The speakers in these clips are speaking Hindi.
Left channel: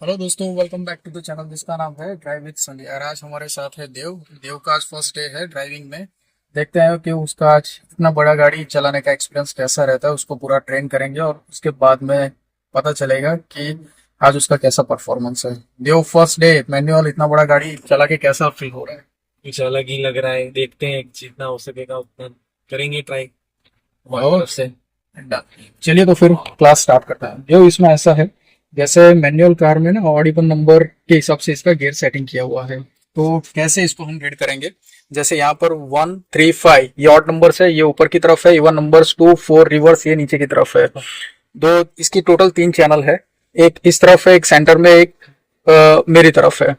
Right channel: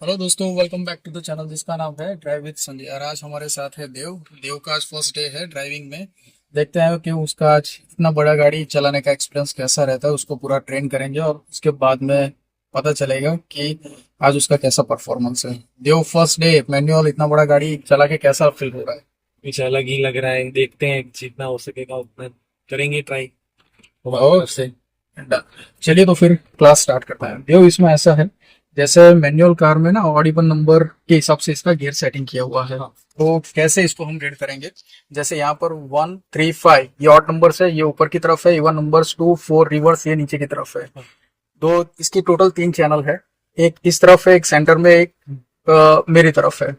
हेलो दोस्तों, welcome back to the channel जिसका नाम है ड्राइव विद संजय। और आज हमारे साथ है देव। देव का आज फर्स्ट डे है ड्राइविंग में। देखते हैं कि उसका आज इतना बड़ा गाड़ी चलाने का एक्सपीरियंस कैसा रहता है। उसको पूरा ट्रेन करेंगे और उसके बाद में पता चलेगा कि आज उसका कैसा परफॉर्मेंस है। देव, फर्स्ट डे मैनुअल, इतना बड़ा गाड़ी चला के कैसा फील हो रहा है? कुछ अलग ही लग रहा है। देखते हैं जितना हो सकेगा उतना करेंगे ट्राई हमारी और तरफ से। डन। चलिए तो फिर क्लास स्टार्ट करते हैं। देव, इसमें ऐसा है जैसे मैनुअल कार में ना ऑड इवन नंबर के हिसाब से इसका गियर सेटिंग किया हुआ है। हाँ। तो कैसे इसको हम रीड करेंगे? जैसे यहाँ पर 1 3 5 ये ऑड नंबर्स है, ये ऊपर की तरफ है। इवन नंबर्स 2 4 रिवर्स ये नीचे की तरफ है। हाँ। दो इसकी टोटल 3 चैनल है। एक इस तरफ है, एक सेंटर में, एक मेरी तरफ है।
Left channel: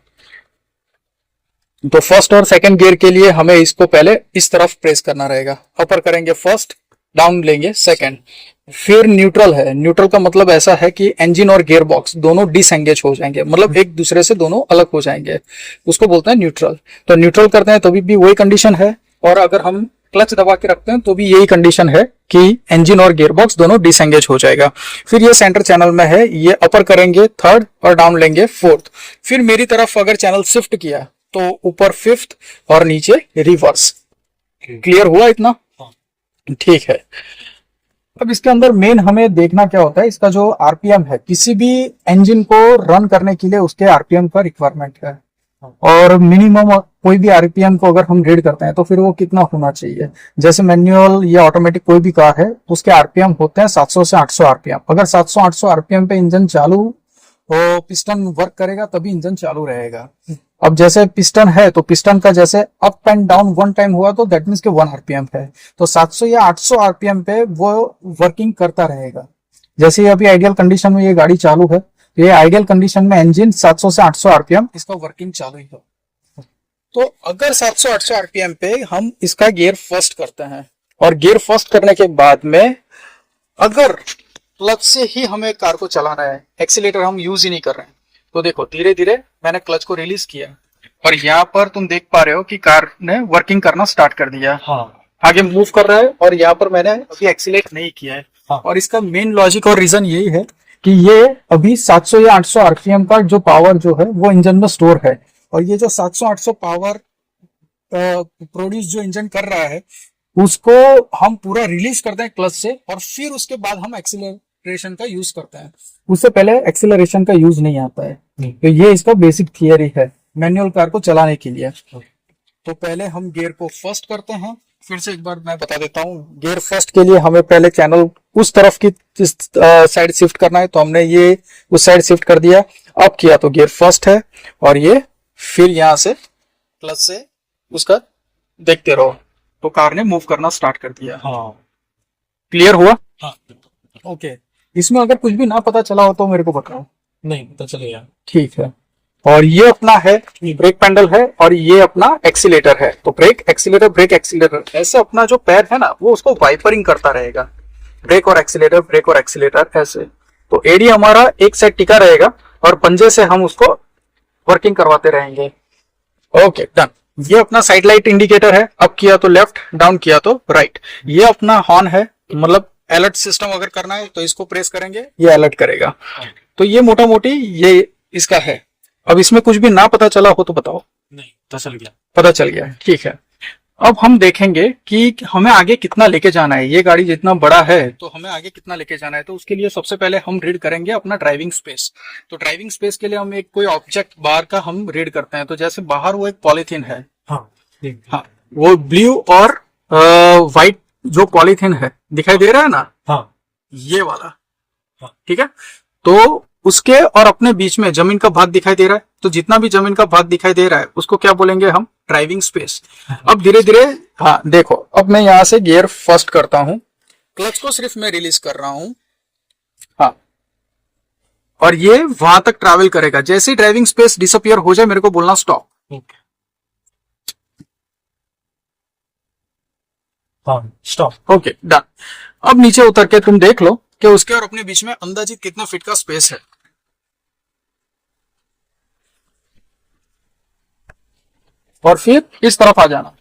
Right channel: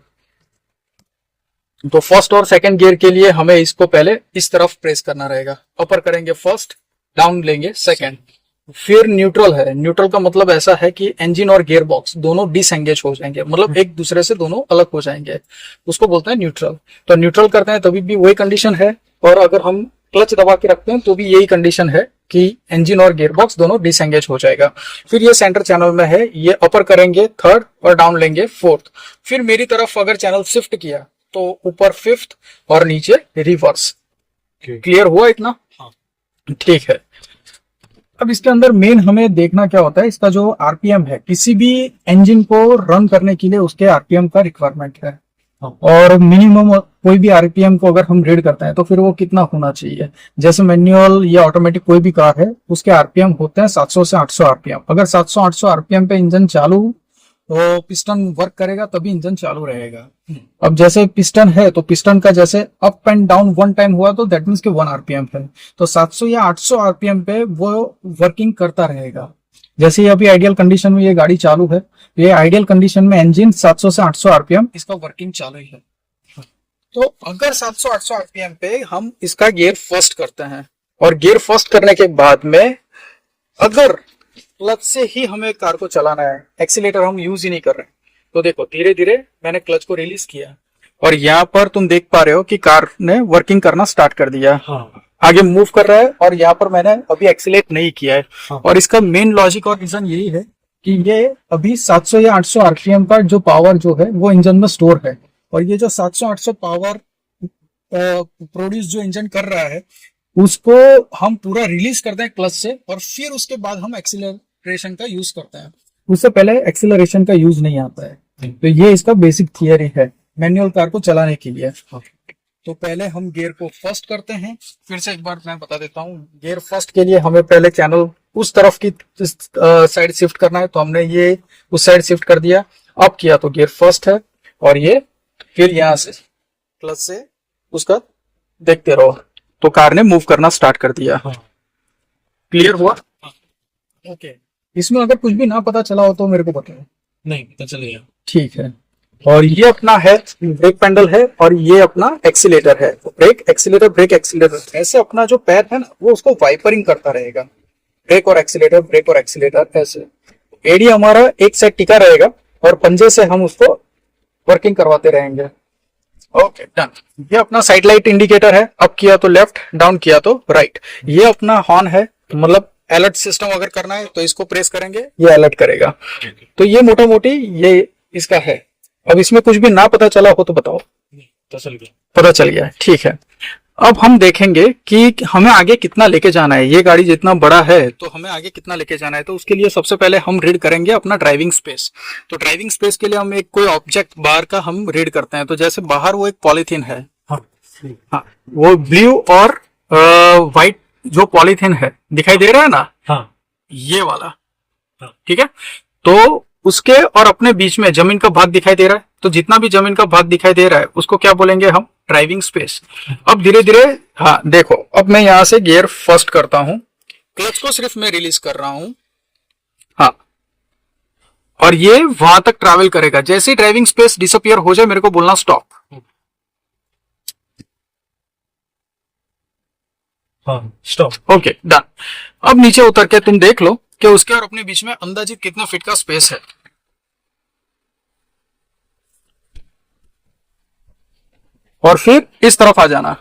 तो फर्स्ट और सेकंड गियर के लिए हमें इसको पहले इस तरफ प्रेस करना रहेगा। अपर करेंगे फर्स्ट, डाउन लेंगे सेकंड। फिर न्यूट्रल है। न्यूट्रल का मतलब ऐसा है कि इंजन और गियर बॉक्स दोनों डिसएंगेज हो जाएंगे, मतलब एक दूसरे से दोनों अलग हो जाएंगे। उसको बोलते हैं न्यूट्रल। तो न्यूट्रल करते हैं तभी भी वही कंडीशन है। और अगर हम क्लच दबा के रखते हैं तो भी यही कंडीशन है कि इंजन और गियर बॉक्स दोनों डिसएंगेज हो जाएगा। फिर ये सेंटर चैनल में है, ये अपर करेंगे थर्ड और डाउन लेंगे फोर्थ। फिर मेरी तरफ अगर चैनल शिफ्ट किया तो ऊपर फिफ्थ और नीचे रिवर्स। Okay. क्लियर हुआ इतना? हाँ। ठीक है। अब इसके अंदर मेन हमें देखना क्या होता है, इसका जो आरपीएम है। किसी भी इंजन को रन करने के लिए उसके आरपीएम का रिक्वायरमेंट है। हाँ। और मिनिमम कोई भी आरपीएम को अगर हम रीड करते हैं तो फिर वो कितना होना चाहिए। जैसे मैनुअल या ऑटोमेटिक कोई भी कार है, उसके आरपीएम होते हैं 700 से 800 आरपीएम। अगर 700 800 आरपीएम पे इंजन चालू वो पिस्टन वर्क करेगा तभी इंजन चालू रहेगा। अब जैसे पिस्टन है तो पिस्टन का जैसे up and down one time हुआ तो दैट मीन्स के 1 आरपीएम है। तो 700 या 800 आरपीएम पे वो वर्किंग करता रहेगा। जैसे ये अभी आइडियल कंडीशन में ये गाड़ी चालू है तो ये आइडियल कंडीशन में इंजन 700 से 800 आरपीएम इसका वर्किंग चालू ही है। तो अगर 700 800 आरपीएम पे हम इसका गियर फर्स्ट करते हैं और गियर फर्स्ट करने के बाद में अगर क्लच से ही हमें कार को चलाना है, एक्सीलेटर हम यूज ही नहीं कर रहे हैं, तो देखो धीरे धीरे मैंने क्लच को रिलीज किया और यहाँ पर तुम देख पा रहे हो कि कार ने वर्किंग करना स्टार्ट कर दिया। हाँ। आगे मूव कर रहा है और यहाँ पर मैंने अभी एक्सीलेट नहीं किया है। हाँ। और इसका मेन लॉजिक और रीजन यही है कि ये अभी 700 या 800 आरपीएम का जो पावर जो है वो इंजन में स्टोर है। और ये जो 700 800 पावर प्रोड्यूस जो इंजन कर रहा है उसको हम पूरा रिलीज करते हैं क्लच से और फिर उसके बाद हम एक्सीलरेशन का यूज करते हैं। उससे पहले एक्सीलरेशन का यूज नहीं आता है। नहीं। तो ये इसका बेसिक थियरी है मैनुअल कार को चलाने के लिए। हाँ। तो पहले हम गियर को फर्स्ट करते हैं। फिर से एक बार मैं बता देता हूँ, गियर फर्स्ट के लिए हमें पहले चैनल उस तरफ की साइड शिफ्ट करना है, तो हमने ये उस साइड शिफ्ट कर दिया। अब किया तो गियर फर्स्ट है और ये फिर यहां से क्लच से उसका देखते रहो तो कार ने मूव करना स्टार्ट कर दिया। हाँ। क्लियर हुआ? हाँ। ओके। इसमें अगर कुछ भी ना पता चला हो तो मेरे को बताओ। नहीं पता चलेगा। ठीक है। और ये अपना है ब्रेक पैडल है और ये अपना एक्सीलेटर है। तो ब्रेक एक्सीलेटर, ब्रेक एक्सीलेटर, ऐसे अपना जो पैर है ना वो उसको वाइपरिंग करता रहेगा। ब्रेक और एक्सीलेटर, ब्रेक और एक्सीलेटर, ऐसे। तो एडी हमारा एक साइड टिका रहेगा और पंजे से हम उसको वर्किंग करवाते रहेंगे। Okay, done. ये अपना साइड लाइट इंडिकेटर है। अप किया तो लेफ्ट, डाउन किया तो राइट। ये अपना हॉर्न है, मतलब अलर्ट सिस्टम अगर करना है तो इसको प्रेस करेंगे, ये अलर्ट करेगा। तो ये मोटा मोटी ये इसका है। अब इसमें कुछ भी ना पता चला हो तो बताओ। नहीं पता चल गया। पता चल गया है, ठीक है। अब हम देखेंगे कि हमें आगे कितना लेके जाना है। ये गाड़ी जितना बड़ा है तो हमें आगे कितना लेके जाना है। तो उसके लिए सबसे पहले हम रीड करेंगे अपना ड्राइविंग स्पेस। तो ड्राइविंग स्पेस के लिए हम एक कोई ऑब्जेक्ट बाहर का हम रीड करते हैं। तो जैसे बाहर वो एक पॉलीथीन है। हाँ। ठीक। हाँ, वो ब्लू और व्हाइट जो पॉलीथीन है दिखाई दे रहा है ना, हाँ। ये वाला। हाँ। ठीक है। तो उसके और अपने बीच में जमीन का भाग दिखाई दे रहा है। तो जितना भी जमीन का भाग दिखाई दे रहा है उसको क्या बोलेंगे हम? Driving space. अब धीरे धीरे, हाँ देखो, अब मैं यहां से गियर फर्स्ट करता हूं, क्लच को सिर्फ मैं रिलीज कर रहा हूं। हाँ, और ये वहां तक ट्रैवल करेगा। जैसे ही ड्राइविंग स्पेस डिसअपियर हो जाए मेरे को बोलना स्टॉप। ओके। हाँ स्टॉप। Okay, done. अब नीचे उतर के तुम देख लो कि उसके और अपने बीच में अंदाजित कितना फीट का स्पेस है। और फिर इस तरफ आ जाना।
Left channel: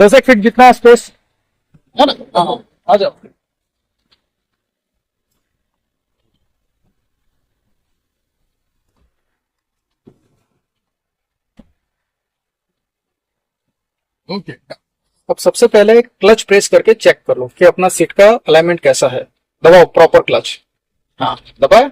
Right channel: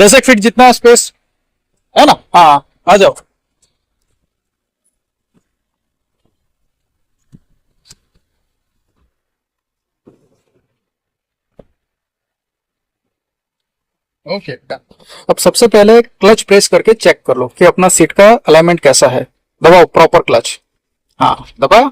10 फीट जितना स्पेस है ना। हाँ, आ जाओ। ओके, अब सबसे पहले क्लच प्रेस करके चेक कर लो कि अपना सीट का अलाइनमेंट कैसा है। दबाओ प्रॉपर क्लच। हाँ, दबाया।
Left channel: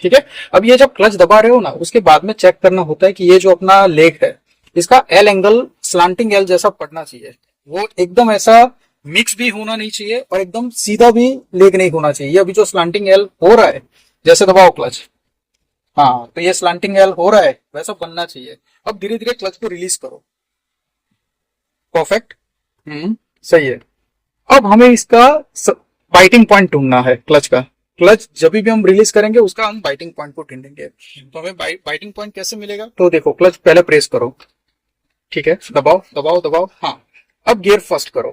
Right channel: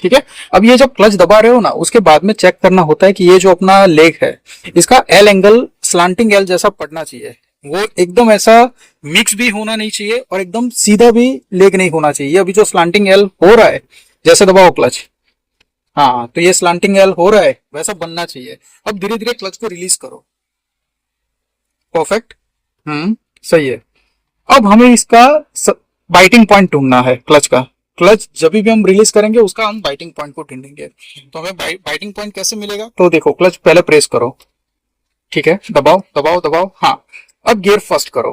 ठीक है। अब ये जब क्लच दबा रहे हो ना, उसके बाद में चेक करना होता है कि ये जो अपना लेग है, इसका एल एंगल स्लांटिंग एल जैसा पड़ना चाहिए। वो एकदम ऐसा मिक्स भी होना नहीं चाहिए और एकदम सीधा भी लेग नहीं होना चाहिए। अभी जो स्लांटिंग एल हो रहा है, जैसे दबाओ क्लच, हाँ, तो ये स्लांटिंग एल हो रहा है, वैसा बनना चाहिए। अब धीरे धीरे क्लच को रिलीज करो। परफेक्ट। सही है। अब हमें इसका बाइटिंग पॉइंट ढूंढना है क्लच का। क्लच जब भी हम रिलीज करेंगे उसका हम बाइटिंग पॉइंट को ढूंढेंगे। तो हमें बाइटिंग पॉइंट कैसे मिलेगा? तो देखो, क्लच पहले प्रेस करो। ठीक है, दबाओ दबाओ दबाओ। हाँ, अब गियर फर्स्ट करो।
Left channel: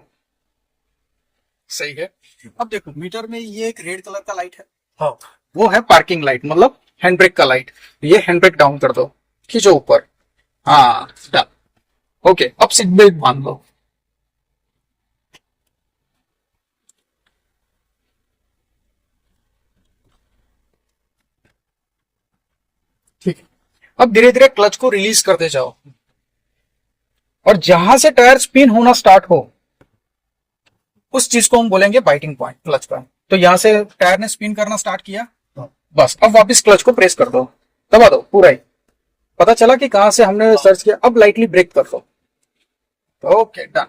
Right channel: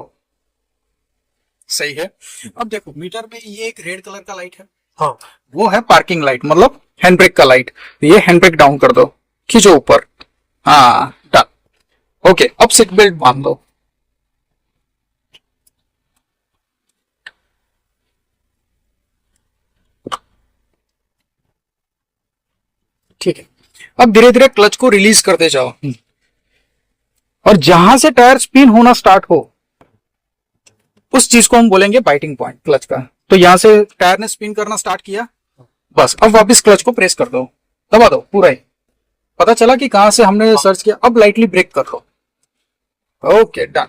सही है। अब देखो, मीटर में ये एक रेड कलर का लाइट है। हाँ, वो है पार्किंग लाइट, मतलब हैंड ब्रेक का लाइट। ये हैंड ब्रेक डाउन कर दो, खींचो ऊपर। हाँ, डन। ओके, अब सीट बेल्ट बांध दो। ठीक है। अब धीरे धीरे क्लच को रिलीज करते जाओ और जहां से टायर स्पिन होना स्टार्ट हो, उस चीज को हम बोलेंगे बाइटिंग पॉइंट क्लच का। तो यहां से टायर ने स्पिन करना स्टार्ट किया, बस अब वापस क्लच को प्रेस कर दो, दबा दो पूरा ही। पता चला कि कहां से हमने सर्च किया। अब लाइटली ब्रेक कर दो। Okay, done.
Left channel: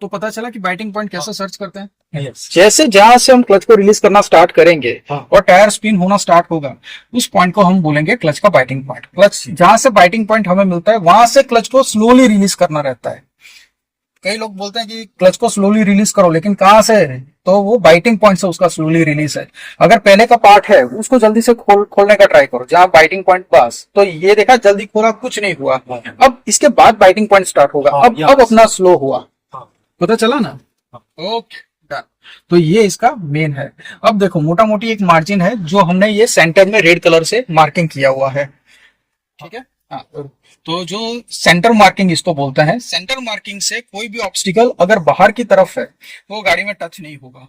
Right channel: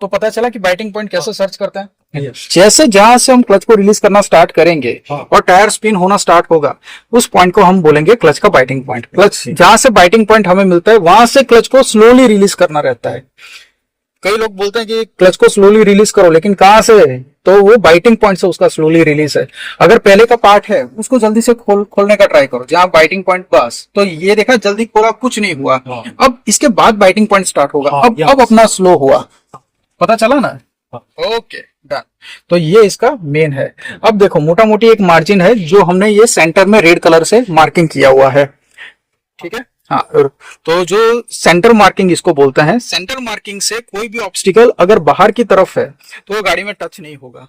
तो पता चला कि बाइटिंग पॉइंट कैसे सर्च करते हैं। जैसे जहां से हम क्लच को रिलीज करना स्टार्ट करेंगे और टायर स्पिन होना स्टार्ट होगा, उस पॉइंट को हम बोलेंगे क्लच का बाइटिंग पॉइंट। क्लच जहां से बाइटिंग पॉइंट हमें मिलता है, वहां से क्लच को स्लोली रिलीज करना रहता है। कई लोग बोलते हैं कि क्लच को स्लोली रिलीज करो, लेकिन कहां से? तो वो बाइटिंग पॉइंट से उसका स्लोली रिलीज है। अगर पहले का पार्ट है उसको जल्दी से खोलने का ट्राई करो, जहां बाइटिंग पॉइंट पास, तो ये देखा जल्दी खोला, कुछ नहीं हुआ। अब इसके बाद बाइटिंग पॉइंट स्टार्ट होगा। अब अपना स्लो हुआ। पता चला ना। Okay, done. तो ये इसका मेन है। अब देखो, मोटा मोटी एक मार्जिन है जो हमने ये सेंटर में रेड कलर से मार्किंग किया हुआ है। ठीक है। हाँ, तो जो सेंटर मार्किंग इसको बोलते हैं, सेंटर मार्किंग से कोई भी ऑब्स्टिकल अगर बाहर की तरफ है तो वो गाड़ी में टच नहीं होगा।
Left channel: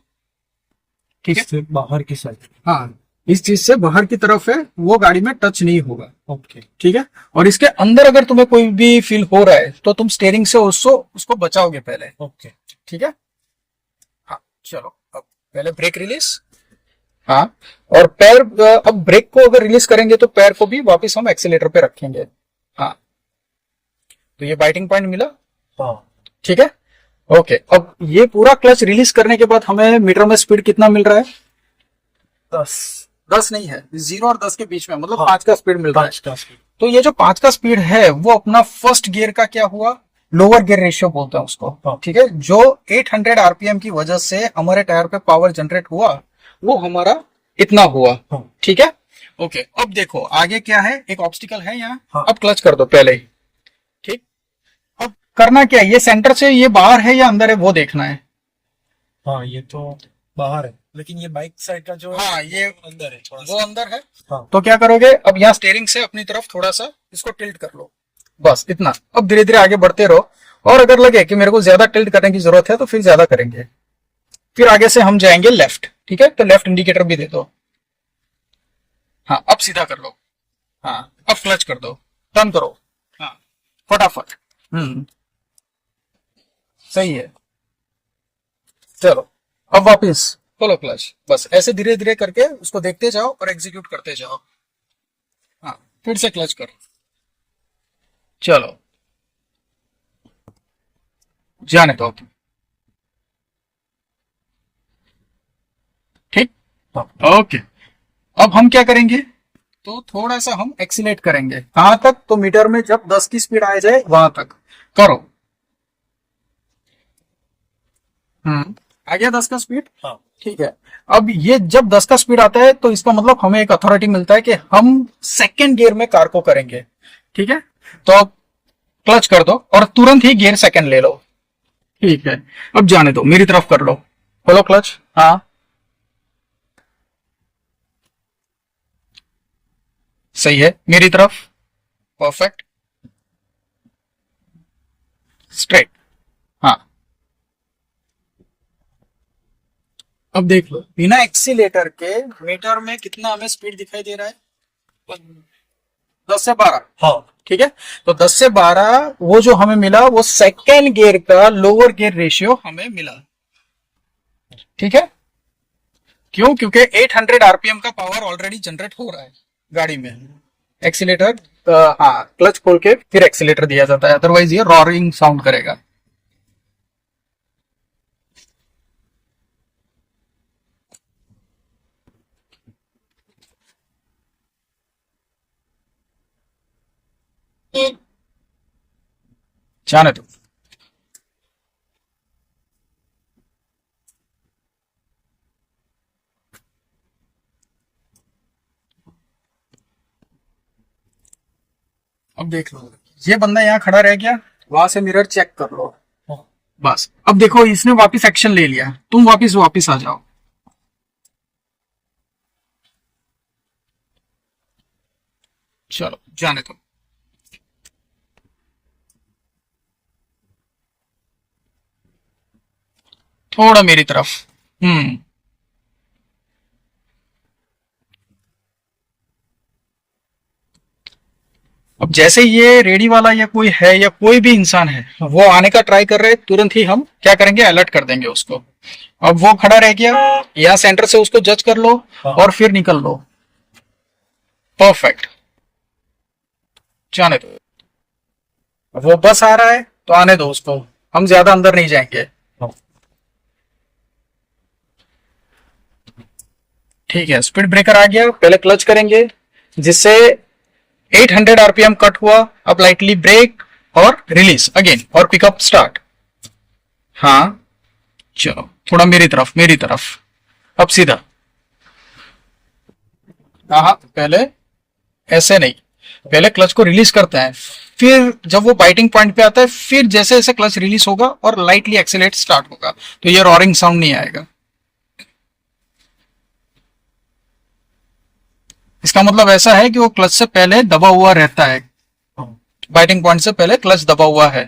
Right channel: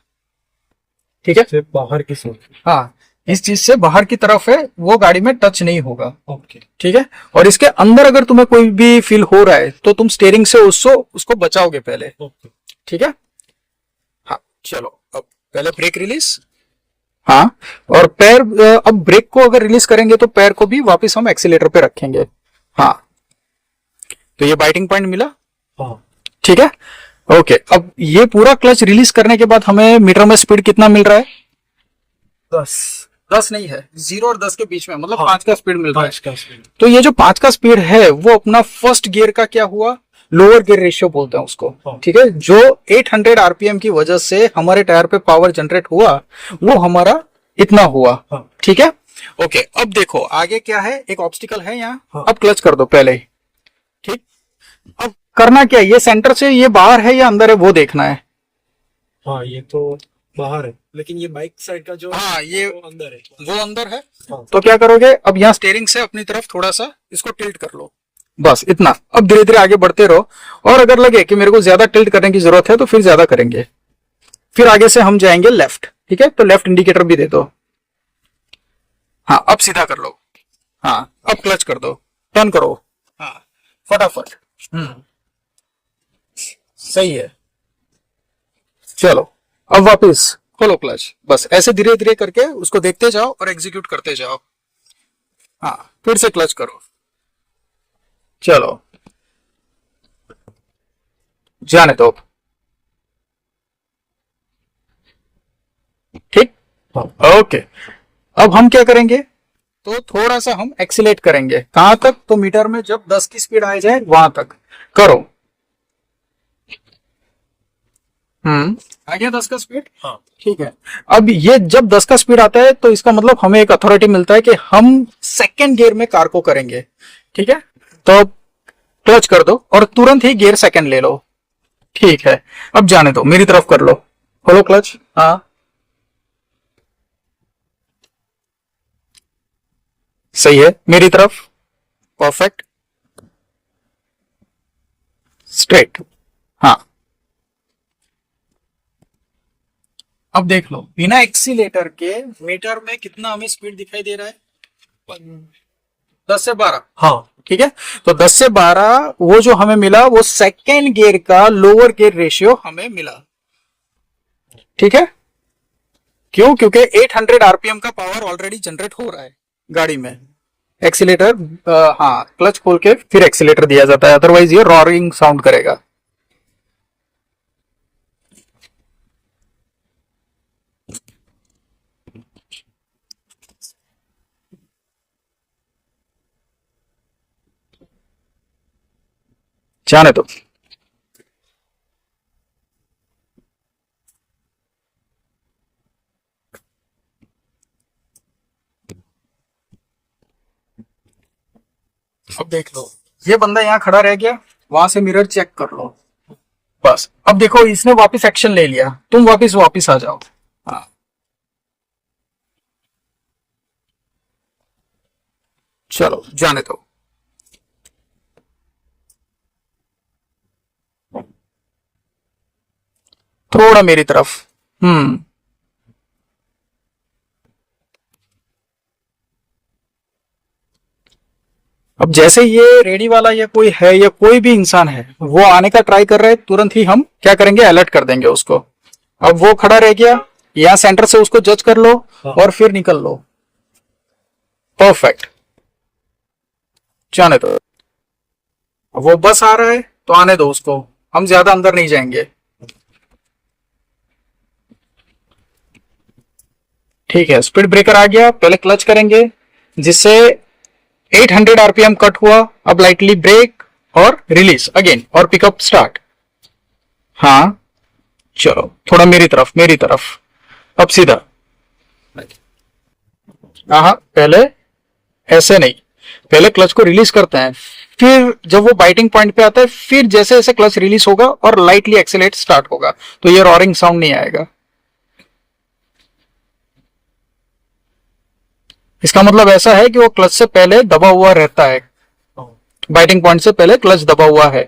ठीक है, बाहर की साइड। हाँ, इस चीज से बाहर की तरफ है, वो गाड़ी में टच नहीं होगा। ओके। ठीक है। और इसके अंदर अगर तुम्हें कोई भी फील हो रहा है तो तुम स्टेयरिंग से उसको बचाओगे पहले। ओके। ठीक है। हाँ, चलो, अब पहले ब्रेक रिलीज। हाँ, और पैर, अब ब्रेक को अगर रिलीज करेंगे तो पैर को भी वापस हम एक्सीलेटर पे रखेंगे। हाँ, तो ये बाइटिंग पॉइंट मिला। हाँ। ठीक है। ओके, अब ये पूरा क्लच रिलीज करने के बाद हमें मीटर में स्पीड कितना मिल रहा है? 10। 10 नहीं है, 0 और 10 के बीच में, मतलब 5 का स्पीड मिल रहा है। 5 का स्पीड। तो ये जो 5 का स्पीड है वो अपना फर्स्ट गियर का क्या हुआ? लोअर गियर रेशियो बोलते हैं उसको। हाँ। ठीक है। जो 800 आरपीएम की वजह से हमारे टायर पे पावर जनरेट हुआ, वो हमारा इतना हुआ। हाँ। ठीक है। ओके, अब देखो आगे क्या है, एक ऑब्स्टिकल है यहाँ। हाँ। अब क्लच कर दो पहले ही। ठीक। अब करना क्या है, ये सेंटर से ये बाहर है या अंदर है वो देखना है। हाँ, ये तो बाहर है, लेकिन ये बाइक साइड का जो हाँ, ये वो अंदर है थोड़ा वो अंदर है। हाँ। तो क्या करोगे, अब यहाँ स्टेयरिंग से अपनी तरफ थोड़ा सा इसको टिल्ट कर लो, बस इतना। अब धीरे धीरे आगे बढ़ते रहो, और अगर लगे कि मेरे को ज्यादा टिल्ट करने की जरूरत है तो फिर ज्यादा करेंगे। फिर आगे से हम जाएंगे लेफ्ट। ठीक है, तो लेफ्ट इंडिकेटर भी दे दो। हाँ, अब सीधा कर लो। हाँ, अब क्लच कर दो, टर्न करो। हाँ, फटाफट। सही है। चलो, अब वापस खोलो क्लच। बस ऐसे धीरे धीरे करके उसको देखते जाओ और एग्जीक्यूट करते जाओ। हाँ, फिर से क्लच करो। चलो, जाने दो। ठीक। ओके, अब हम क्या करेंगे, तो थोड़ा सा हम एक्सीलेट करेंगे। कहां तक? तो मीटर में जब 10 की स्पीड आ जाए वहां तक करो। आ गया 10 का स्पीड। हाँ। ठीक है। अब ये जब 10 का स्पीड आता है तो इसका मतलब हमें एक अथॉरिटी मिलता है कि हम सेकंड गियर में कार को करेंगे। ठीक है। तो क्लच कर दो और तुरंत ही गियर सेकंड ले लो। ठीक है। अब जाने दो, मेरी तरफ कर लो, खोलो क्लच। हाँ, सही है, मेरी तरफ। Perfect, straight. हाँ, अब देख लो बिना एक्सीलेटर के मीटर में कितना हमें स्पीड दिखाई दे रहा है, 10 से 12। हाँ ठीक है, तो 10 से 12 वो जो हमें मिला वो सेकेंड गियर का लोअर गियर रेशियो हमें मिला। ठीक है, क्यों? क्योंकि 800 आरपीएम का पावर ऑलरेडी जनरेट हो रहा है गाड़ी में। एक्सीलेटर, हाँ, क्लच खोल के फिर एक्सीलेटर दिया जाता है, अदरवाइज ये रॉरिंग साउंड करेगा। जाने दो। अब देख लो, ये बंदा यहाँ खड़ा रह गया, वहां से मिरर चेक कर लो। बस अब देखो इसने वापस एक्शन ले लिया, तुम वापस आ जाओ। हाँ, चलो जाने दो। थोड़ा मेरी तरफ। हम्म, अब जैसे ये रेडी वाला या कोई है या कोई भी इंसान है वो आने का ट्राई कर रहे हैं, तुरंत ही हम क्या करेंगे, अलर्ट कर देंगे उसको। अब वो खड़ा रह गया, यहाँ सेंटर से उसको जज कर लो और फिर निकल लो। परफेक्ट, जाने दो। वो बस आ रहा है तो आने दो उसको, हम ज्यादा अंदर नहीं जाएंगे। ठीक है, स्पीड ब्रेकर आ गया, पहले क्लच करेंगे जिससे 800 आरपीएम कट हुआ। अब लाइटली ब्रेक और रिलीज अगेन और पिकअप स्टार्ट। हाँ, चलो थोड़ा मेरी तरफ। अब सीधा। हाँ, पहले ऐसे नहीं, पहले क्लच को रिलीज करते हैं, फिर जब वो बाइटिंग पॉइंट पे आता है फिर जैसे जैसे क्लच रिलीज होगा और लाइटली एक्सेलेरेट स्टार्ट होगा तो ये रॉरिंग साउंड नहीं आएगा। इसका मतलब ऐसा है कि वो क्लच से पहले दबा हुआ रहता है, बाइटिंग पॉइंट से पहले क्लच दबा हुआ है।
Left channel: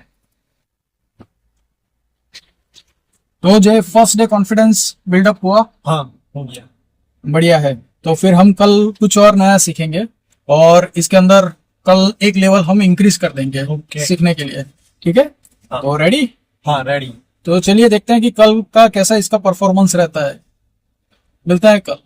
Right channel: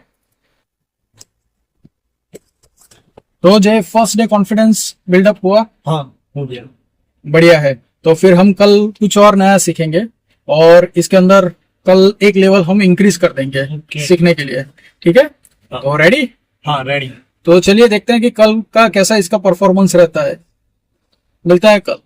तो जय, फर्स्ट डे कॉन्फिडेंस बिल्डअप हुआ? हाँ हो गया। बढ़िया है। तो फिर हम कल कुछ और नया सीखेंगे और इसके अंदर कल एक लेवल हम इंक्रीज कर देंगे सीखने के लिए। ठीक है, हाँ। तो रेडी? हाँ रेडी। तो चलिए देखते हैं कि कल का कैसा इसका परफॉर्मेंस रहता है। मिलता है कल।